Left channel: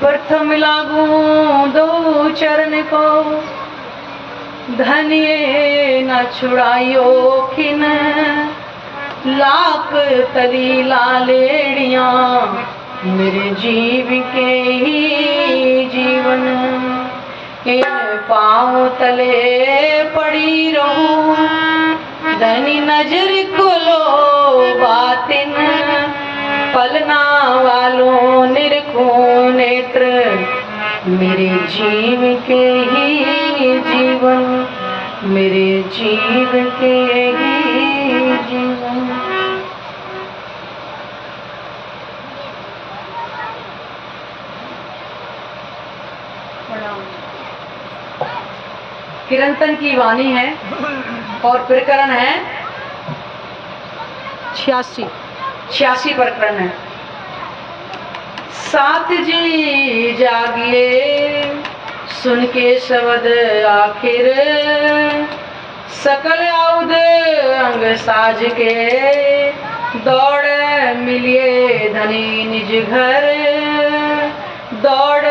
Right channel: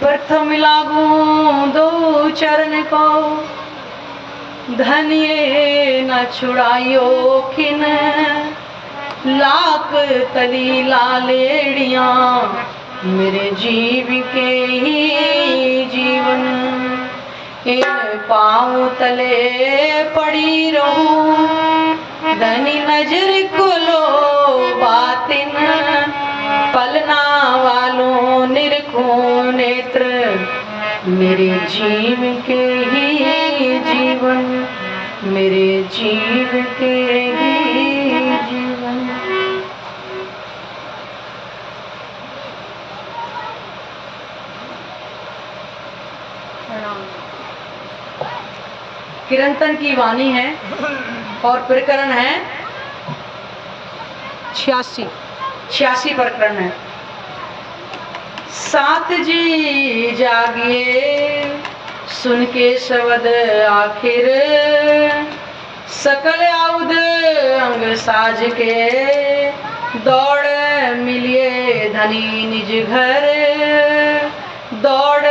प्रथम लागू दो चरण को, धनिये न छुड़ायो खिन, लाख तली लालेड़ियां मेरे जीव के ही जीवन। इन पाँव तले पड़ी रहूं, धनी नजर खोलो बातिन, पलना वालों निरखूं नेत्र मेरे जीव के ही जीवन, मेरे जीव के ही जीवन। किरंतन की वाणी है और प्रकरण है 86 प्रकरण है। साथ जी जागिए सुन के शब्द आखिर, सकल आउद अंग साज के, दौड़ मिलिए धनी निज घर, दौड़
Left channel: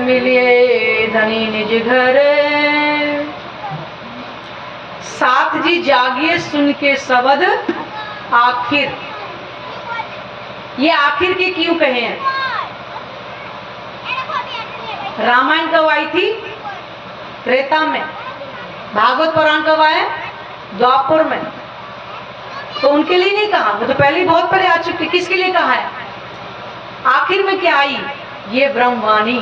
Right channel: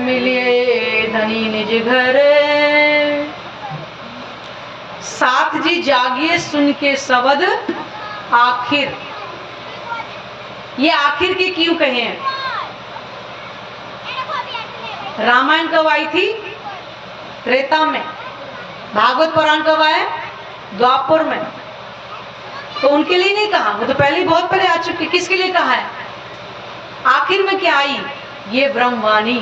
मिलिए धनी निज घर। साथ जी जागिए सुन के शब्द आखिर, ये आखिर के क्यों कहे हैं? रामायण कब आई थी? त्रेता में। भागवत पुराण कब आए? द्वापर में। तो उनके लिए नहीं कहा, वो तो पहले ही बहुत पहले आ चुकी। किसके लिए कहा है? आखिर में क्या आई? ये ब्रह्मवाणी।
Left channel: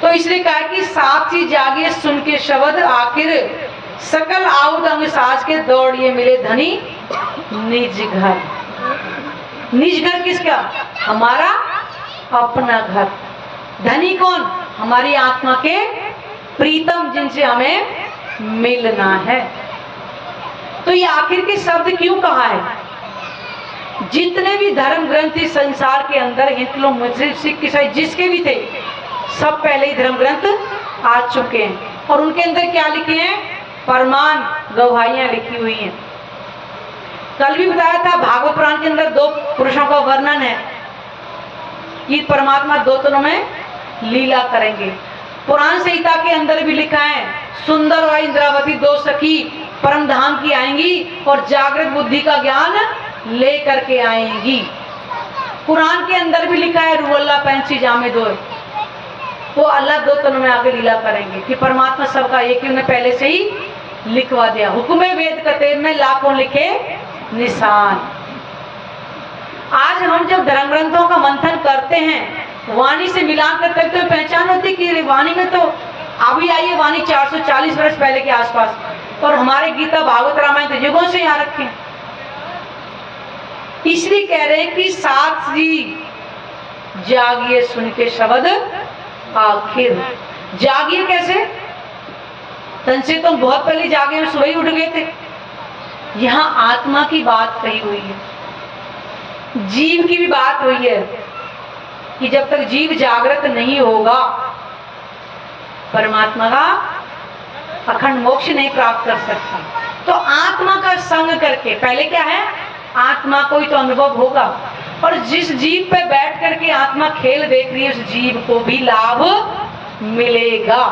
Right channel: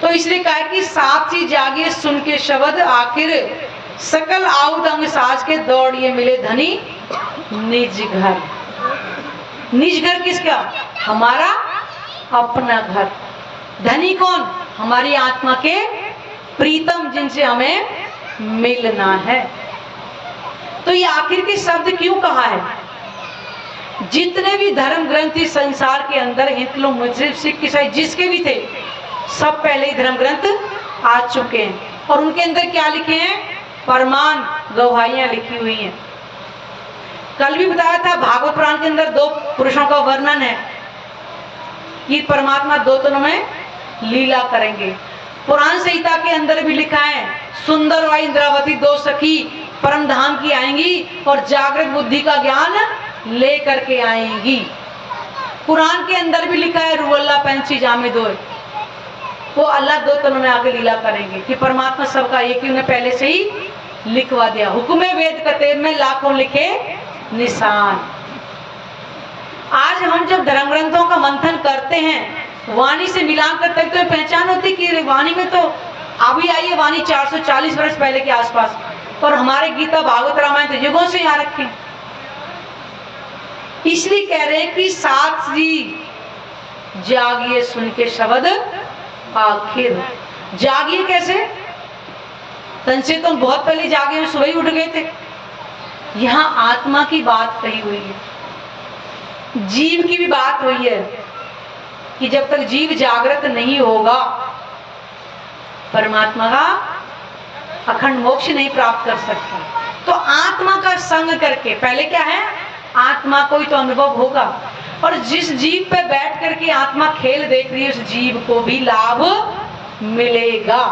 तो इसलिए कहा कि साथ ही जागिए सुन के शब्द आखिर, सकल आउद अंग साज के, दौड़िए मिले धनी निज घर। निज घर किसका? हमारा अपना घर। धनी कौन? हमारी आत्मा के प्रीतम, जिनसे हमें मिलना है। तो ये आखिर के शब्द क्यों कहा है? जितने भी धर्म ग्रंथ इस संसार के अंदर, हिंदू मुस्लिम सिख ईसाई जिसके भी थे, सब पहले ही धर्म ग्रंथ आ चुके हैं। और उनके अंदर क्या लिखे हैं? प्रमाण गवाहियां लिखी हुई हैं। कल भी बताया था, भागवत पुराण के अंदर दो पुरुषों का वर्णन है कि परमात्मा दो तनों में लीला करेंगे। पुराण संहिता के अंदर भी लिखा है, सुंदर व इंद्रावती दो सखी परम धाम की आएंगी और जागृत बुद्धि का ज्ञान ले करके आएंगी। कुरान के अंदर भी लिखा है, रुवल्ला पैंसी जामे दो, वो अल्लाह दो तनों में आके लीला करेंगे कि परमात्मा सबका एक ही, उन्हें पहले से ही लिखवा दिया। हुक्मे वेद कतेब में लाखों लिखे निशान। आज हम जब धर्म ग्रंथों का मंथन करते हैं, वाणी से मिलान करते हैं, तो पहचान होती कि वाणी में तो अभी आई है वाणी 440 वर्ष पहले के आसपास, और हमारे गीता भागवत रामायण तो युगों से यहाँ रखे। इसलिए कह रहे हैं कि साथ जी जागिए सुन के शब्द आखिर। जागिए कैसे? तन से तो बहुत पहले जागे हैं, सुबह ही उठ गए थे। यहाँ आत्मा की बात कही हुई है, जीव की भी बात हुई है कि जब तक जीव जागृत नहीं होगा, परमात्मा का अखंड मोक्ष नहीं प्राप्त कर सकता। तो आत्मा का संग करके, पहले क्या है? आत्मा को ही तो अनुभव होगा, और जिस जीव पे बैठ करके आत्मा खेल देख रही है, उस जीव को भी लाभ मिलेगा।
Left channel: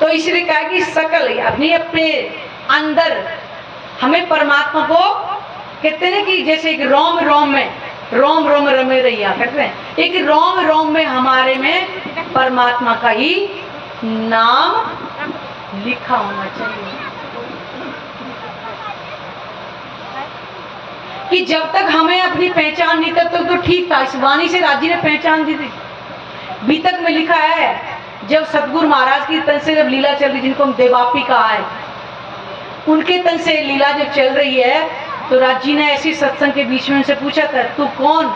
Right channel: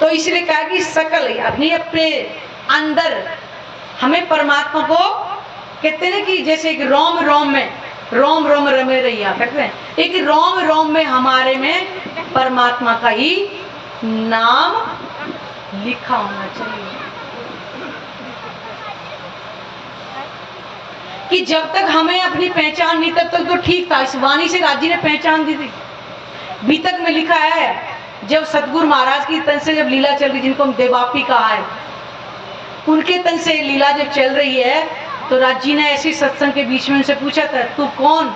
तो इसलिए कहा कि सकल अपने अपने अंदर हमें परमात्मा को कहते हैं कि जैसे एक रोम रोम में रोम रोम रमे रैया कहते हैं, एक रोम रोम में हमारे में परमात्मा का ही नाम लिखा होना चाहिए। कि जब तक हमें अपनी पहचान नहीं, तब तक तो ठीक था। इस वाणी से राजी ने पहचान दी थी। बीतक में लिखा है, जब सतगुरु महाराज की तन से जब लीला चल रही, जिनको हम देवापी कहा है, उनके तन से लीला जब चल रही है, तो राजी ने ऐसी सत्संग के बीच में उनसे पूछा था, तू कौन?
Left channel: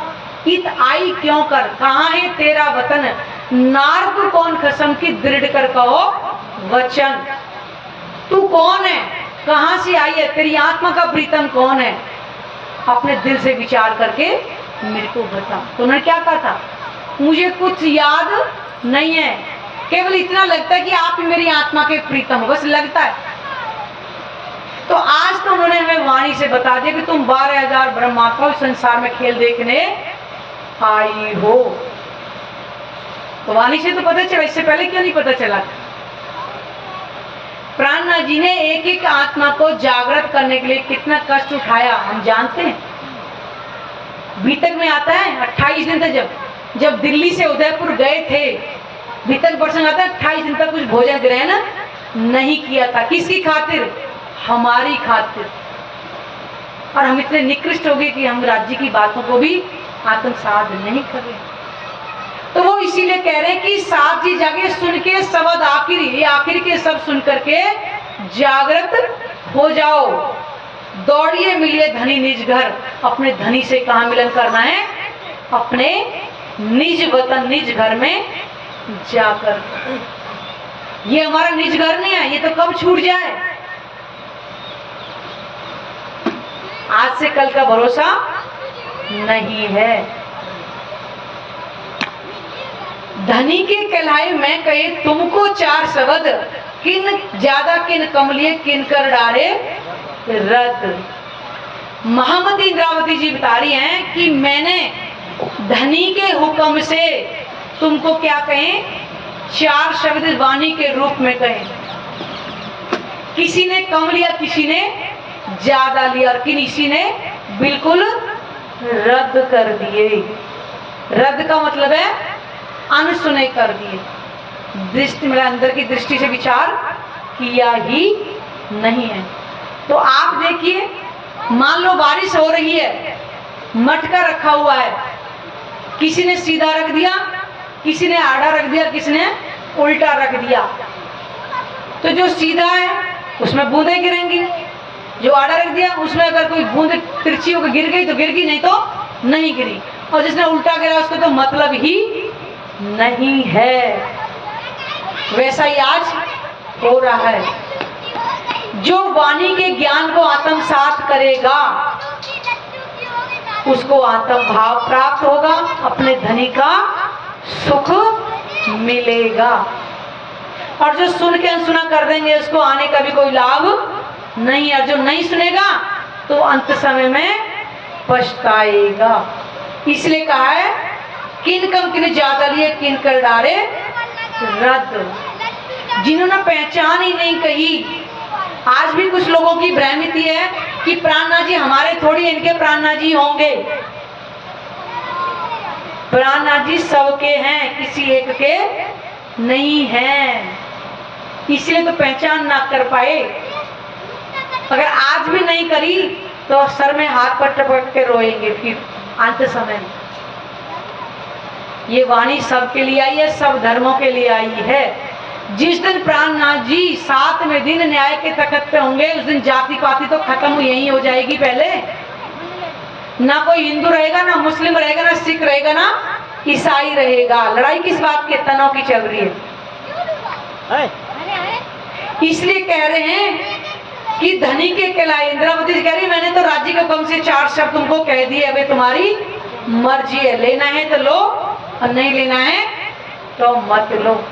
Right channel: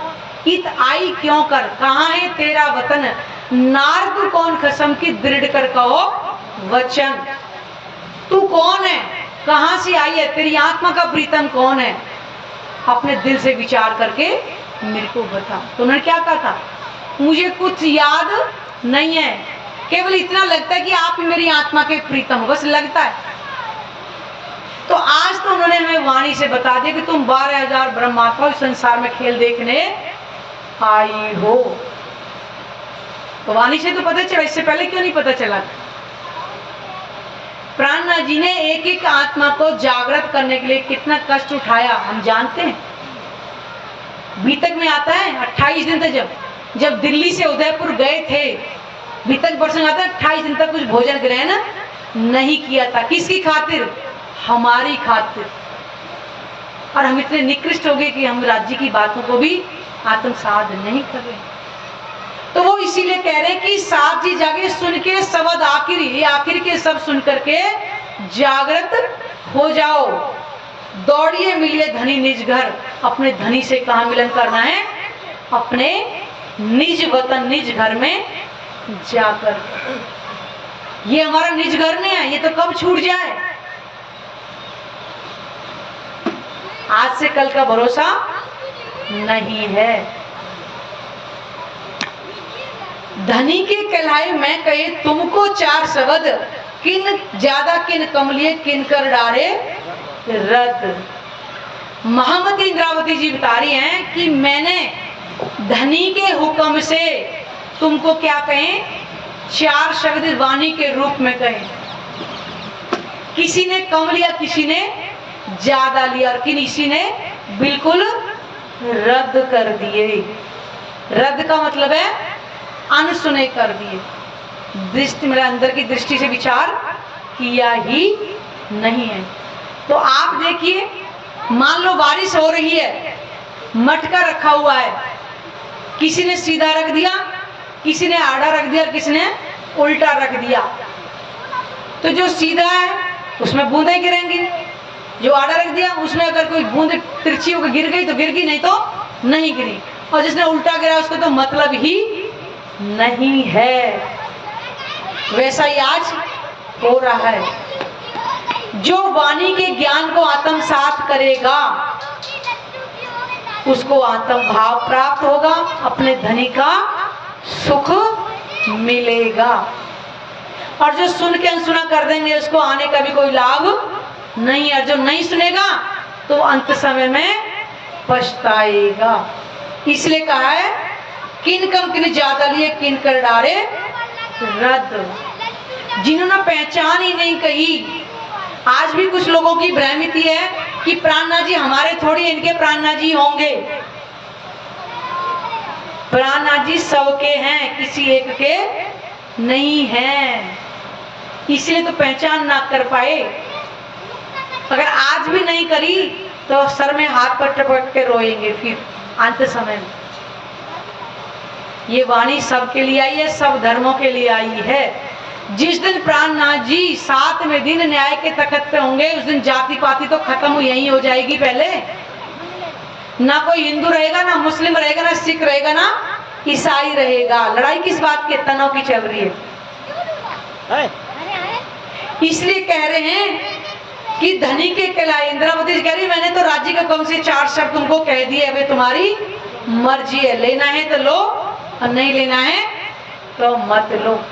इत आई क्यों कर? कहाँ है तेरा वतन? नारद कौन खसम की दृढ़ कर कहो वचन। तू कौन है? कहाँ से आई है? तेरी आत्मा का प्रीतम कौन है? अपने दिल से विचार करके मेरे को बता। तो उन्होंने क्या कहा था? मुझे कुछ याद नहीं है, केवल इतना लगता है कि आप ही मेरी आत्मा के प्रीतम हो, बस लगता है। तो आज तो उन्होंने हमें वाणी से बता दिया कि तुम 12,000 ब्रह्मात्माओं संसार में खेल देखने आई हो। तो वाणी से तो पता चला, इससे पहले क्यों नहीं पता चला? प्राणनाथ जी ने एक एक आत्मा को जागृत करने के लिए कितना कष्ट उठाया हम जानते हैं। बीतक में आता है 28 दिन तक, जब दिल्ली से उदयपुर गए थे, बीतक प्रसंग आता है 28 दिन तक कुछ भोजन ग्रहण नहीं किया था। किसकी खातिर? हमारी खातिर। और हम इतने निकृष्ट हो गए कि हम राज्य की बातों को भी आत्मसात नहीं कर रहे। तो वो इसीलिए कह रहे हैं कि साथ जी जागे सुन के शब्द आखिर, ये आखिर के सब सुन करके जागृत हो जाओ। दौड़िए मिलिए धनी निज घर। अपने धनी से कहाँ मिलन करना है? अपने निज वतन, निज घर में जाकर। ये हमारा निज घर नहीं है, ये तो कब छूट जाए। आज से कल का भरोसा नहीं है। धनी के कहलाए मैं कहे तुमको 4 शब्द, किन ज्यादा किन कमलिए किन कर डारे रद। महामती इंद्रावती जी बता रही हैं कि मैंने धनी के हुक्म से तुमको क्या कहें, 4 शब्द वाणी के रूप में कहें। किसी ने कम लिया, किसी ने ज्यादा लिया, और किसी ने बिल्कुल रद्द कर दिए। रद्द का मतलब है अनसुने कर दिए। दृष्टि, मेरा अंदर की दृष्टि से विचार किया ही नहीं है। तो आप देखिए, मान लो बारिश हो रही है, मटका रखा हुआ है, किसी ने सीधा रख दिया, किसी ने आड़ा रख दिया, किसी ने उल्टा रख दिया। तो जो सीधा है उसमें बूंदें गिरेंगी, जो आड़ा रख दिया उसमें अगर कोई बूंद तिरछी होकर गिर गई तो गिर गई, नहीं तो नहीं गिरी। और जिसने उल्टा गिरा उसको तो मतलब ही नहीं है। वैसा ही आज हो रहा है। जो वाणी के ज्ञान को आत्मसात करेगा उसको आत्म भाव प्राप्त होगा, अपने धनी का सुख मिलेगा। और जो सुन के अनसुना कर देंगे उसको आने का भी कोई लाभ नहीं है। जो नहीं सुनेगा तो अंत समय में पछताएगा। इसलिए कहा है किन कम किन ज्यादा लिए किन कर डारे रद्द। जिन्होंने पहचान ही नहीं कही, आज भी कुछ लोगों की भ्रांति है कि प्राणनाथ जी हमारे थोड़ी, इनके प्राणनाथ जी होंगे। प्राणनाथ जी सबके हैं, किसी एक के नहीं हैं। इसलिए तो पहचान ना कर पाए। अगर आज भी नहीं करी तो सर में हाथ पर टपक के रोएंगे फिर अंत समय में। ये वाणी सबके लिए आई है, सब धर्मों के लिए आई है। जिस दिन प्राणनाथ जी 7वें दिन न्याय के तख्त पे होंगे, उस दिन जाति पाति तो खत्म यही हो जाएगी। पहले ना कोई हिंदू रहेगा, ना मुस्लिम रहेगा, ना सिख रहेगा, ना ईसाई रहेगा। लड़ाई किस बात के? तनाव की चल रही है। इसलिए कह रहे हैं कि धनी के कहलाए। इंद्रावती जी कह रही मैंने तो राज्य के हुक्म से 4 शब्द तुमको कह दिए, अबे तुम्हारी मर्जी है, लेना है तो लो और नहीं लेना है तो मत लो।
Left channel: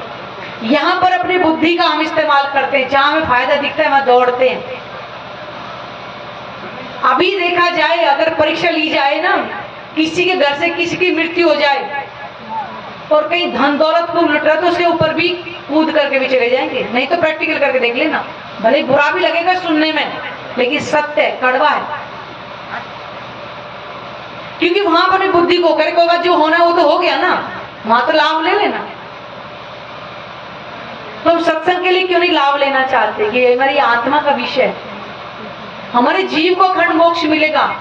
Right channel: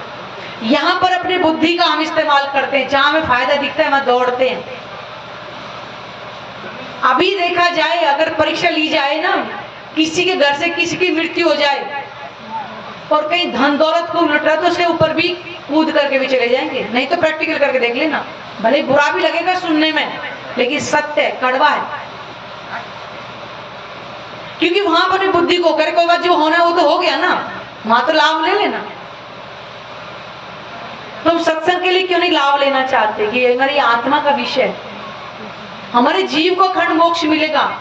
यहाँ पर अपनी बुद्धि का हम इस्तेमाल करते हैं, जहां हमें फायदा दिखता है वहां दौड़ते हैं। अभी देखा जाए, अगर परीक्षा ली जाए ना, किसी के घर से किसी की मृत्यु हो जाए और कहीं धन दौलत को लुटा तो उसके ऊपर भी कूद करके भी चले जाएंगे। नहीं तो प्रैक्टिकल करके देख लेना, भले बुरा भी लगेगा सुनने में, लेकिन सत्य है, कड़वा है। क्योंकि वहां पर अपनी बुद्धि को करके जो होना वो तो हो गया ना, वहां तो लाभ ले लेना। तो हम सत्संग के लिए क्यों नहीं लाभ लेना चाहते कि हमारी आत्मा का विषय, हमारे जीव को अखंड मोक्ष मिलेगा,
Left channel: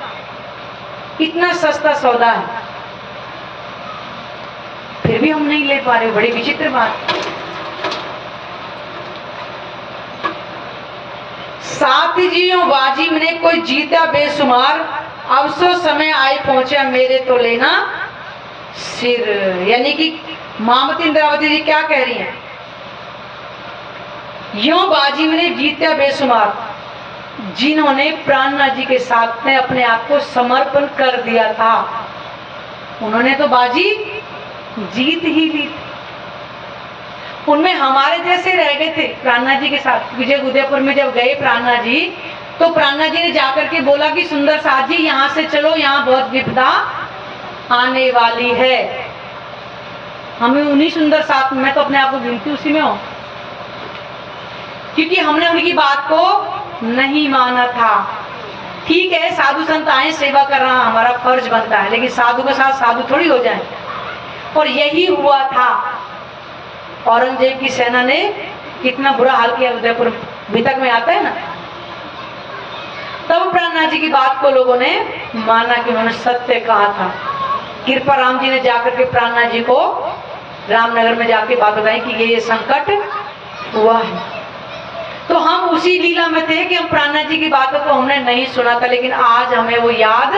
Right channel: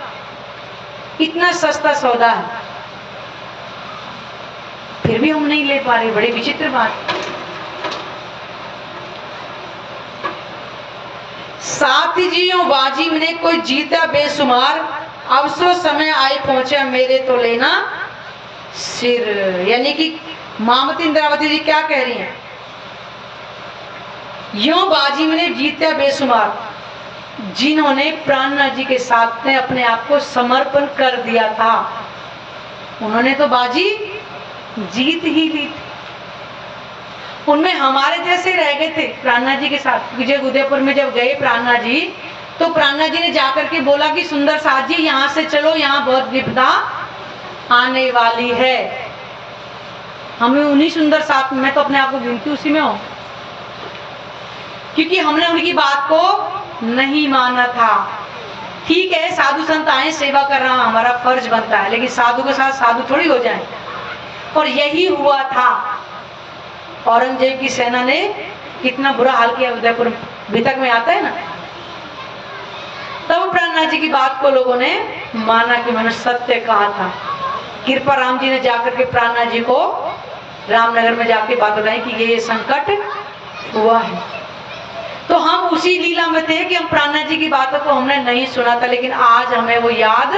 इतना सस्ता सौदा है, फिर भी हम नहीं ले पा रहे। बड़ी विचित्र बात। साथ जियो बाजी में कोई जीता बेसुमार, अब सो समय आए पहुंचे मेरे तो लेना सिर। यानी कि महामती इंद्रावती जी क्या कह रही हैं? यो बाजी में जीता बेसुमार, जिन्होंने प्राणनाथ जी के साथ में अपने आप को समर्पण कर दिया था, उन्होंने तो बाजी जीत ही ली थी। उनमें हमारे जैसे रह गए थे प्राणनाथ जी के साथ। विजय उदयपुर में जब गए प्राणनाथ जी तो प्राणनाथ जी ने जाकर के बोला कि सुंदर साथ जी यहाँ से चलो, यहाँ बहुत विपदा आने वाली है। हमें उन्हीं सुंदर साथ, मैं तो अपने आप को गिनती उसी में हूं, क्योंकि हमने उनकी बात को नहीं माना था। ठीक है, साधु संत आए, सेवा कर रहा हमारा फर्ज बनता है, लेकिन साधु के साथ साधु थोड़ी हो जाए। और यही हुआ था। औरंगजेब की सेना ने कितना बुरा हाल किया, उदयपुर बीतक में आता है ना। तब प्राणनाथ जी की बात को लोगों ने माना कि उन्होंने सत्य कहा था। कृपा राम जी ने जाकर के प्राणनाथ जी को रामनगर में जाके बात बताई कि ये संकट हुआ है। तो हम उसी लीला में थे कि हम प्राणनाथ जी की बातों को हमने नहीं सुना था, लेकिन आज हमें वो याद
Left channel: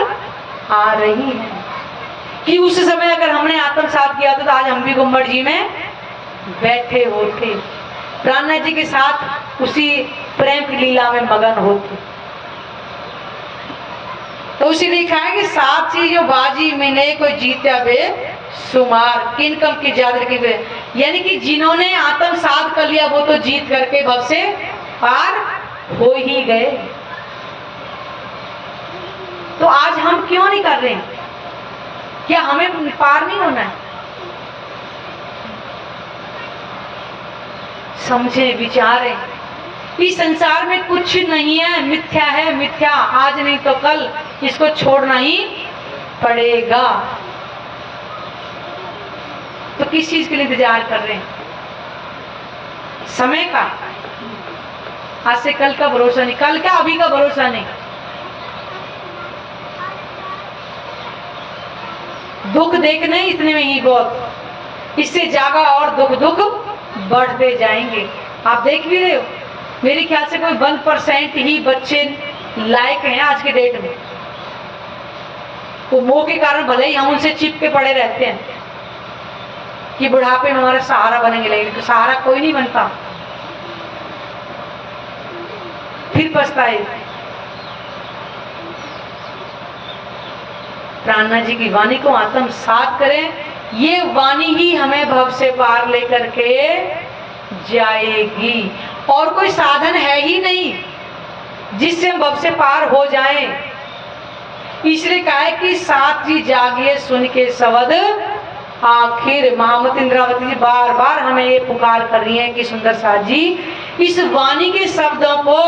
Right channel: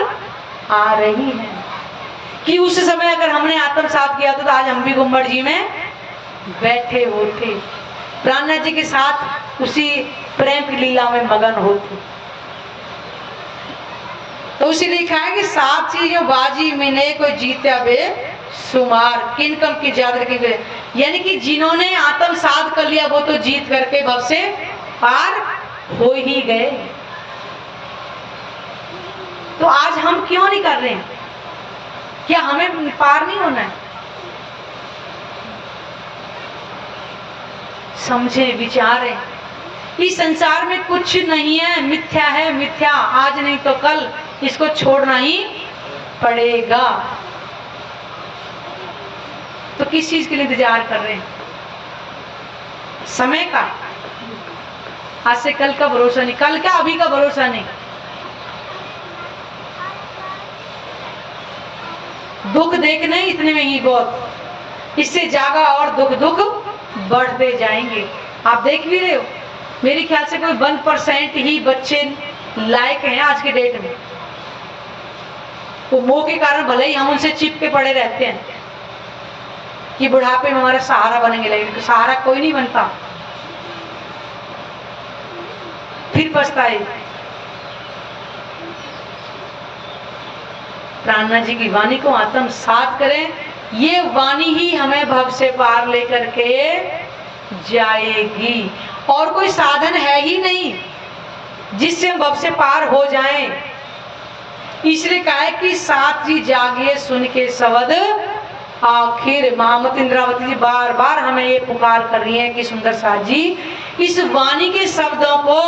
आ रही है कि उस समय अगर हमने आत्मसात किया था तो आज हम भी गुम्बद जी में बैठे होते, प्राणनाथ जी के साथ उसी प्रेम की लीला में मगन होते। तो उसी लिखा है कि साथ ही जो बाजी मिने कोई जीत्या बे सुमार, किन कम की ज्यादा की बे, यानी कि जिन्होंने आत्मसात कर लिया वो तो जीत करके भव से पार हो ही गए। तो आज हम क्यों नहीं कर रहे हैं? क्या हमें पार नहीं होना है? समझे, विचारें। इस संसार में कुछ नहीं है, मिथ्या है, मिथ्या। आज नहीं तो कल इसको छोड़ना ही पड़ेगा। तो किस चीज के लिए इंतजार कर रहे हैं? समय का। आज से कल का भरोसा नहीं, कल का अभी का भरोसा नहीं। दुख देखने इतने में ही बहुत, इससे ज्यादा और दुख बढ़ते जाएंगे। आप देख भी रहे हो, मेरे ख्याल से कोई 1% ही बच्चे लायक हैं आज के डेट में। वो मोह के कारण भले ही हम उनसे चिपके पड़े रहते हैं कि बुढ़ापे में हमारा सहारा बनेंगे, लेकिन तो सहारा कोई नहीं बनता, फिर पछताए। प्राणनाथ जी की वाणी को आत्मसात करें, ये वाणी ही हमें भव से पार लेकर के जाएगी। और कोई साधन है ही नहीं जिससे हम भव से पार हो जाएं। इसलिए कहा है कि साथ ही जागिए सुन के शब्द आखिर। महामती इंद्रावती जी बार बार हमें ये पुकार कर रही है कि सुंदर साथ जी इस वाणी के शब्दों को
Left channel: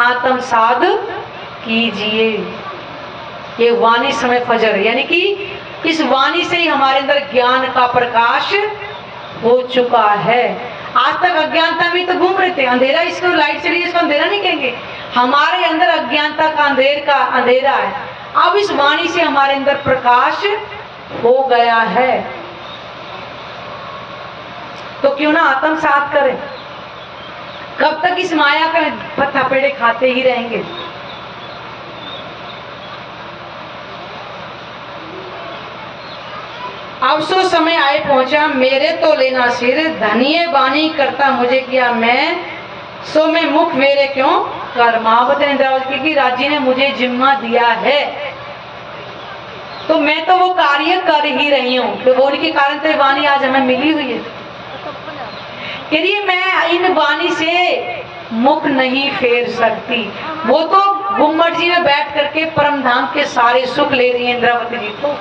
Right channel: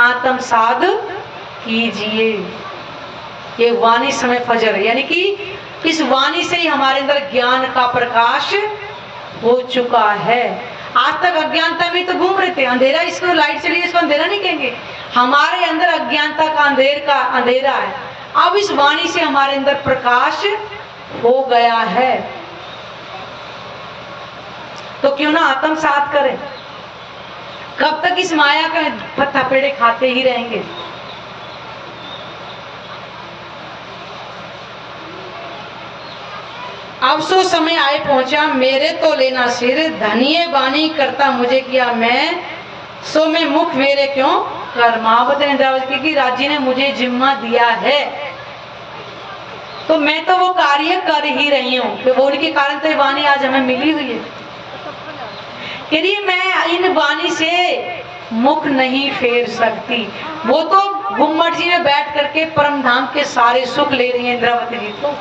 आत्मसात कीजिए। ये वाणी समय फजर, यानी कि इस वाणी से ही हमारे अंदर ज्ञान का प्रकाश हो चुका है। आज तक अज्ञानता में तो घूम रहे थे, अंधेरा, इसको लाइट चली, इसको अंधेरा नहीं कहेंगे। हमारे अंदर अज्ञानता का अंधेरा है। अब इस वाणी से हमारे अंदर प्रकाश हो गया है, तो क्यों ना आत्मसात करें। कब तक इस माया के थपेड़े खाते ही रहेंगे? अब सो समय आए पहुंचा, मेरे तो लेना सिर, धनिये बानी करता मुझे किया मैं, सो मैं मुख मेरे क्यों कर। महावती इंद्रावती की राजी ने मुझे जिम्मा दिया है, तो मैं तो वो कार्य कर ही रही हूँ। तो वो उनके कारण तो वाणी आज हमें मिली हुई है। करिए मैं इन वाणी से मुख नहीं फेर सकती। वो तो गुम्बद जी में बैठ करके परम धाम के सारे सुख ले रही है इंद्रावती जी। तो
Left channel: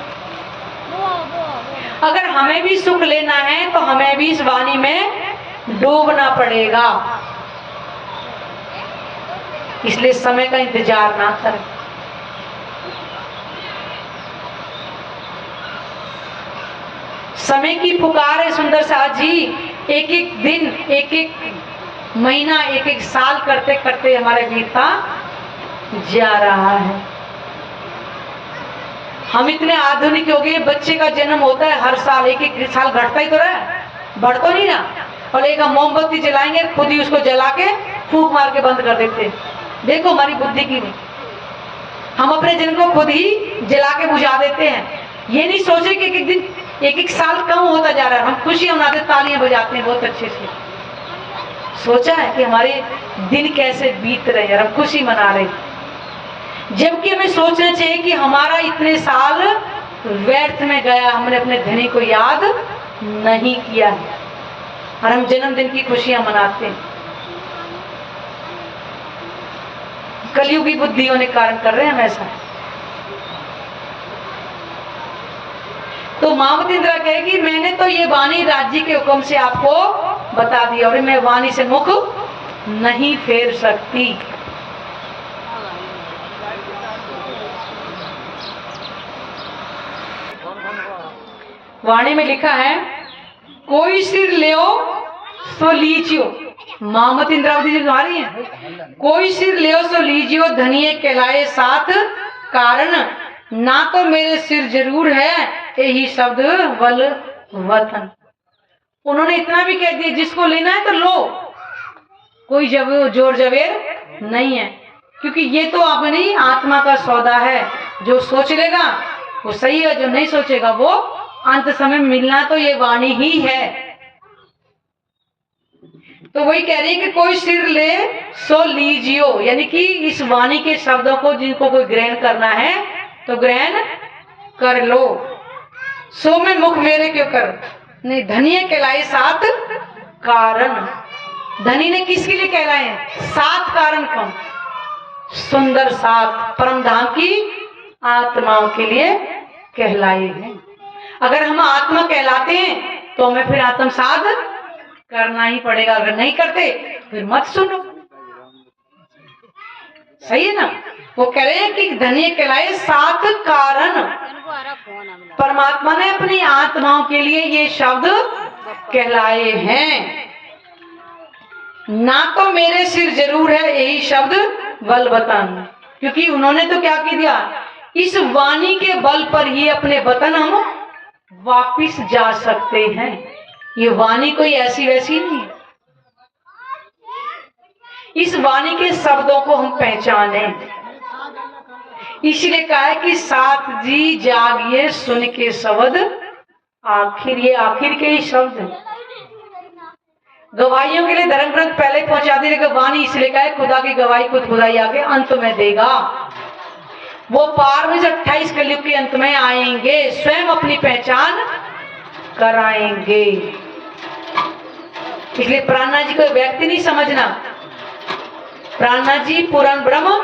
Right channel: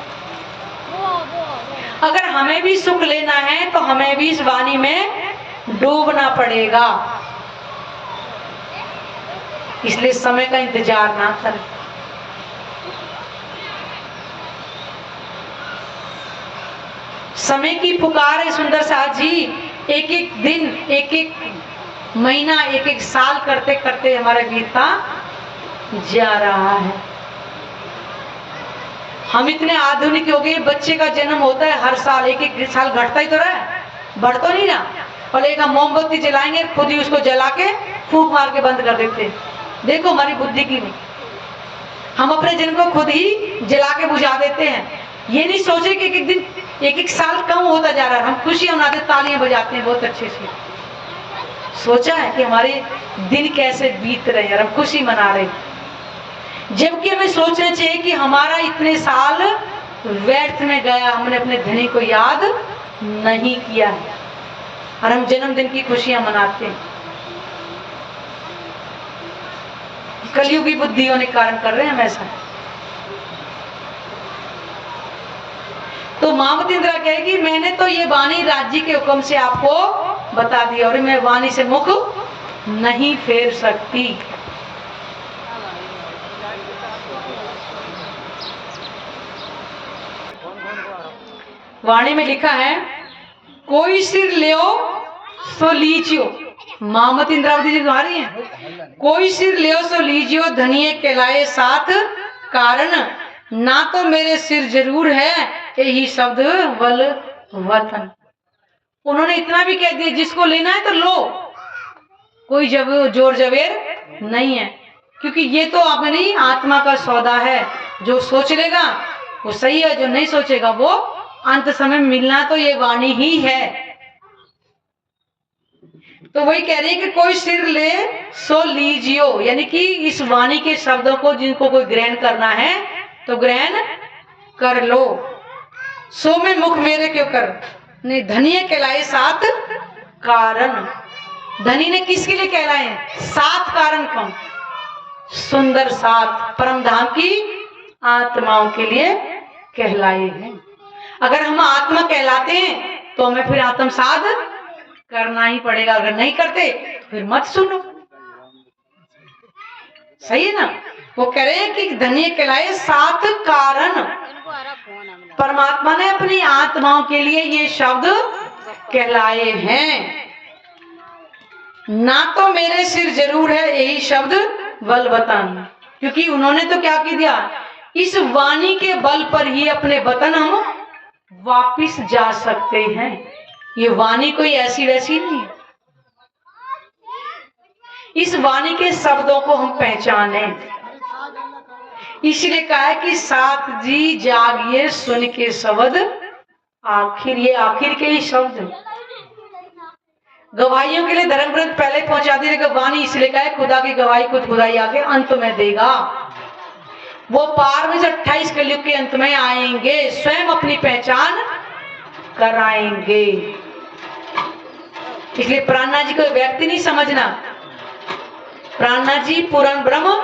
अगर हमें भी सुख लेना है तो हमें भी इस वाणी में डूबना पड़ेगा। इसलिए समय का इंतजार ना करें। समय की पुकार है सुंदर साथ जी। एक एक दिन, एक एक महीना, एक एक साल करते करते हमारे बीतता जा रहा है। हम इतने आधुनिक हो गए, बच्चे का जन्म होता है हर साल, एक एक साल घटता ही तो रहा है, बढ़ तो नहीं ना। और एक हम मोमबत्ती जलाएंगे, खुद ही उसको जला के फूंक मार के बंद कर देते। देखो हमारी बुद्धि की नहीं, हम अपने जन्म को खुद ही जला के बुझा देते हैं। ये नहीं सोच रहे कि एक एक दिन, एक एक साल कम होता जा रहा है। हम खुशियां मनाते, तालियां बजाते हैं बहुत अच्छे से। सोचा है कि हमारे दिन कैसे बीत रहे हैं, हम खुशी मना रहे, जबकि हमें सोचना चाहिए कि हमारा इतने साल व्यर्थ में गया, हमने अपने धनी को याद नहीं किया है और हम जन्मदिन की खुशियां मनाते हैं। कलयुगी बुद्धि होने के कारण कर रहे हैं हम ऐसा। तो मामती इंदिरा कहेगी मैंने तो ये वाणी राज्य के हुक्म से आपको बता दिया और मैं वाणी से मुख नहीं फेर सकती। वाणी में लिखा है कोई सिर लियो सो लीजियो। मामती इंद्रावती जी तुम्हारी है। कोई सिर लियो सो लीजियो धनिये कहलाए साथ कारण, ना तो मेरे सिर जरूर है यही शब्द बल वतन। उन्होंने इतना भी कह दिया जिसको लेना है तो लो, कोई जब जोर जबेर नहीं है, क्योंकि ये तो अपनी आत्मा का सौदा है। जो सोच लेगा वो सही है, जो नहीं सोचेगा वो अंत समय मिलना तो ये वाणी ही है। तो वही कह रही है कि कोई सिर ले सो लीजियो, यानी कि इस वाणी के शब्दों को जिनको कोई ग्रहण करना है तो ग्रहण कर लो। सो में मुख मेरे क्यों कर, नहीं धनिय कहलाए सात कारण। धनी ने किसके लिए कहलाए? सात कारण। कौन? सुंदर सात परम धाम की आत्माओं के लिए कहलाए हैं। अगर हम आत्मा कहलाते हैं तो हमें फिर आत्म साध करना ही पड़ेगा, अगर नहीं करते फिर मत सुनो। सही है ना? वो कह रहे हैं कि धन्य कहलाए सात कारण। परमात्मा ने अपनी आत्माओं के लिए ये शब्द कहलाए हैं। ना तो मेरे सिर जरूर है यही शब्द बल वतन, क्योंकि उन्होंने तो क्या की दिया, इस वाणी के बल पर ही अपने वतन हम वापिस जा सकते हैं। ये वाणी कोई ऐसी वैसी नहीं है। इस वाणी के शब्दों को हम पहचाने, इसलिए कहा है कि सात जी जागिए सुन के शब्द आखिर। ये आखिर के ही शब्द है। गवाहियों के लिए धर्म ग्रंथ पहले पहुंचाती है वाणी, इसलिए कहा है खुदा की गवाही खुद खुदाई आके अंत में देगा। वो पार में 28 कलयुग के अंत में आएंगे, स्वयं अपनी पहचान कराएंगे। इसलिए प्राणनाथ जी को व्यक्ति नहीं समझना। प्राणनाथ जी पूर्ण ब्रह्म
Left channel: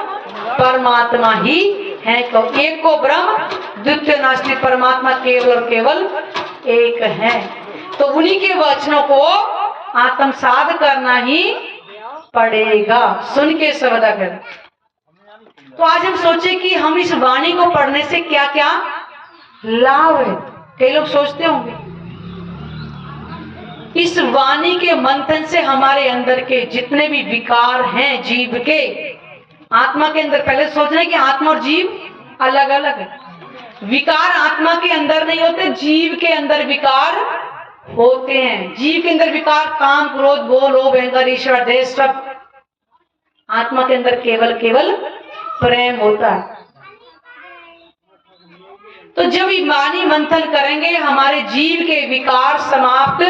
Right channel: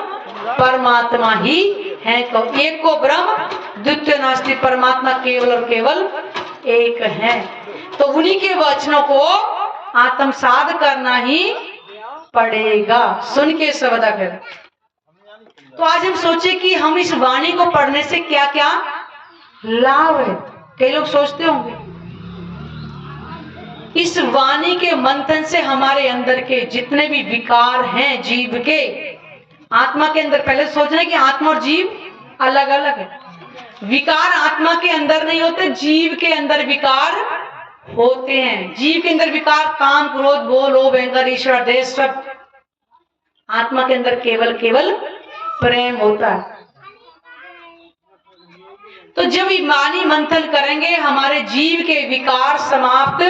परमात्मा ही है। तो एक को ब्रह्म द्वितीय नास्ति, परमात्मा केवल और केवल एक है। तो उन्हीं के वचनों को आत्मसात करना ही पड़ेगा, सुन के शब्द कर। तो आज हम सोचे कि हम इस वाणी को पढ़ने से क्या क्या लाभ है। कई लोग सोचते होंगे इस वाणी के मंथन से हमारे अंदर के जितने भी विकार हैं जीव के, आत्मा के अंदर, पहले सोच रहे कि आत्मा और जीव अलग अलग है। विकार आत्मा के अंदर नहीं होते, जीव के अंदर विकार होते हैं। जीव के अंदर विकार काम क्रोध भोग लोभ अहंकार ईर्ष्या द्वेष सब। आत्मा के अंदर केवल केवल प्रेम होता है। तो जब वाणी मंथन करेंगे हमारे जीव के विकार समाप्त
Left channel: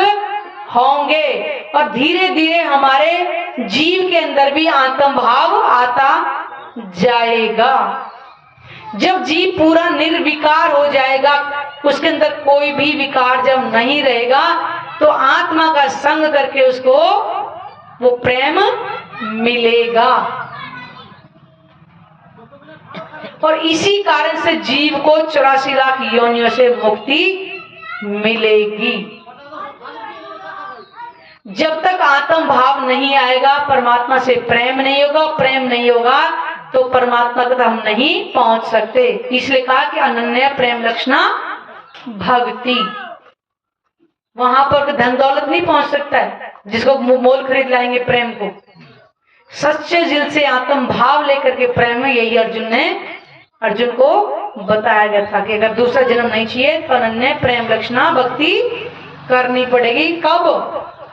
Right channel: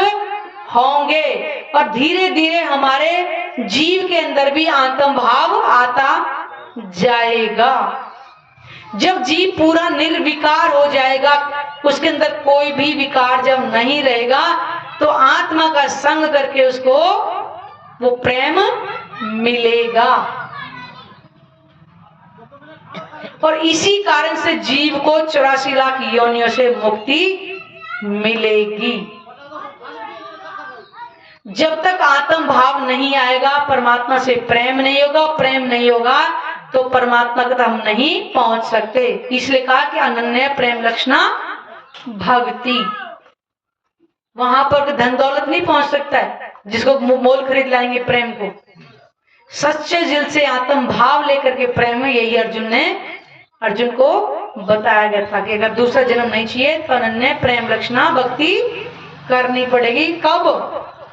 होंगे और धीरे धीरे हमारे जीव के अंदर भी आत्म भाव आता जाएगा। जब जीव पूरा निर्विकार हो जाएगा, उसके अंदर कोई भी विकार जब नहीं रहेगा, तो आत्मा का संग करके उसको वो प्रेम मिलेगा। और इसी कारण से जीव को 84 लाख योनियों से मुक्ति मिलेगी। जब तक आत्म भाव नहीं आएगा, परमात्मा से प्रेम नहीं होगा, प्रेम नहीं होगा तो परमात्मा तक हम नहीं पहुंच सकते। इसलिए कहा कि अनन्य प्रेम लक्षणा भक्ति। वहां पर धन दौलत नहीं पहुंच सकता है जिसको मोल खरीद लाएंगे प्रेम को। सच्चे दिल से आत्म भाव लेकर के प्रेम है। यही अर्जुन को बताया गया था कि अगर दूसरा जन्म नहीं चाहिए तो अनन्य प्रेम लक्षणा भक्ति करनी पड़ेगी। कब?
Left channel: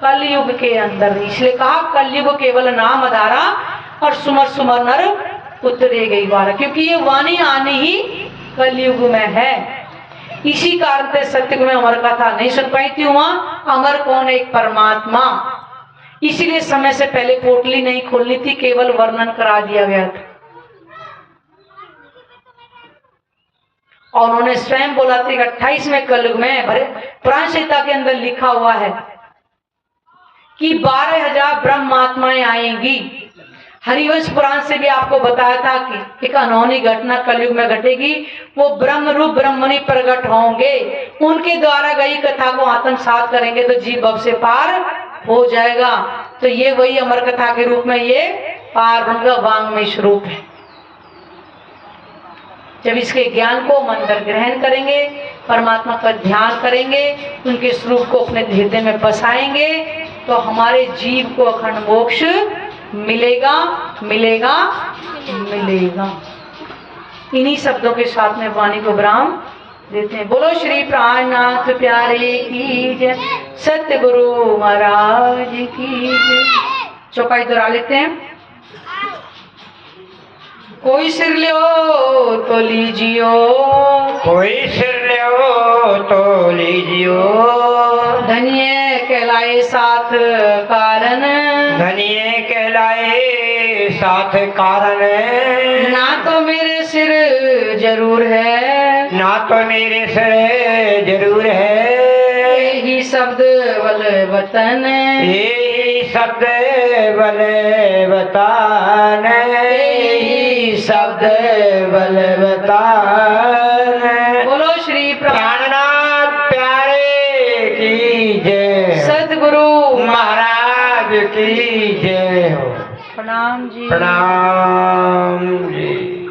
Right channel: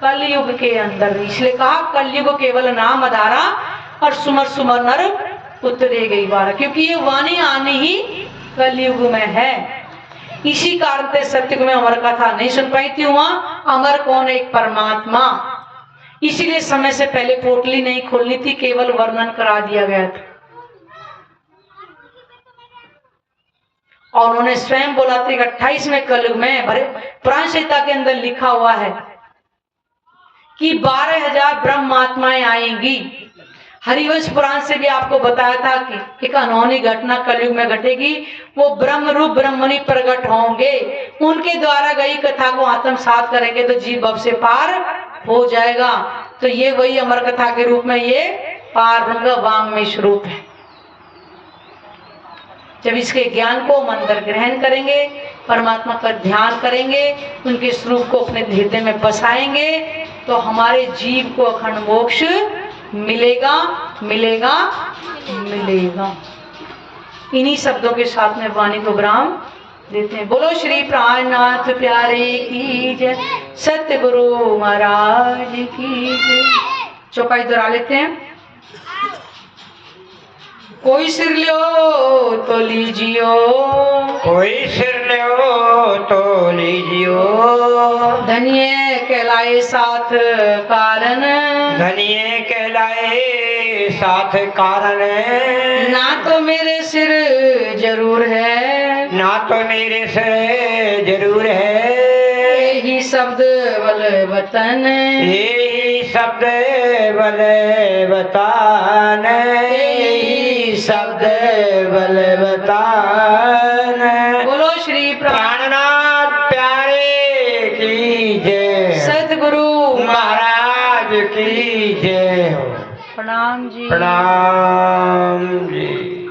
कलयुग के अंदर। इसलिए कहा कलयुग केवल नाम आधारा और सुमर सुमर नर उतरे गई बारा, क्योंकि ये वाणी आनी ही कलयुग में है। इसी कारण से सत्युग में अमर कथा नहीं सुन पाई थी। वहां अमर कौन? एक परमात्मा। इसीलिए समय से पहले पोटली नहीं खोलनी थी, केवल वर्णन करा दिया गया था। और उन्होंने स्वयं बोला था 28वें कलयुग में पुराण संहिता के अंदर लिखा हुआ है कि 12,000 ब्रह्मात्माएं आएंगी, हरिवंश पुराण से भी आपको बताया था कि एक अनहोनी घटना कलयुग में घटेगी। वो ब्रह्म रूप ब्रह्मणि प्रकट होंगे, उनके द्वारा गई कथा को आत्मसात करेंगे तो जीव भव से पार हो जाएगा। तो ये वही अमर कथा के रूप में ये पार ब्रह्म वांग्मय स्वरूप है। जब इसके ज्ञान को मन पर ग्रहण करेंगे, परमात्मा का ध्यान करेंगे, उनके स्वरूप को अपने हृदय में बसाएंगे, तो हमारे जीव को अखंड मोक्ष मिलेगा मिलेगा मिलेगा। इन्हीं शब्दों के साथ में वाणी को विराम देते हैं। बोलो श्री प्राणनाथ प्यारे की जय, सत्य गुरु महाराज की जय। चौपाई दोहरा लेते हैं। कोई सिर लो तो लीजियो, कोई सिर लो तो लीजियो, धन्य कहलाए साथ कारण, धनिये कहलाए साथ कारण। ना तो मेरे सिर जरूर है, ना तो मेरे सिर जरूर है, यही शब्द बल वतन, यही शब्द बल बतान, यही शब्द बल बतान। बोलो श्री प्राणनाथ प्यारे की जय, सतगुरु महाराज की जय हो। प्रणाम जी। प्रणाम जी।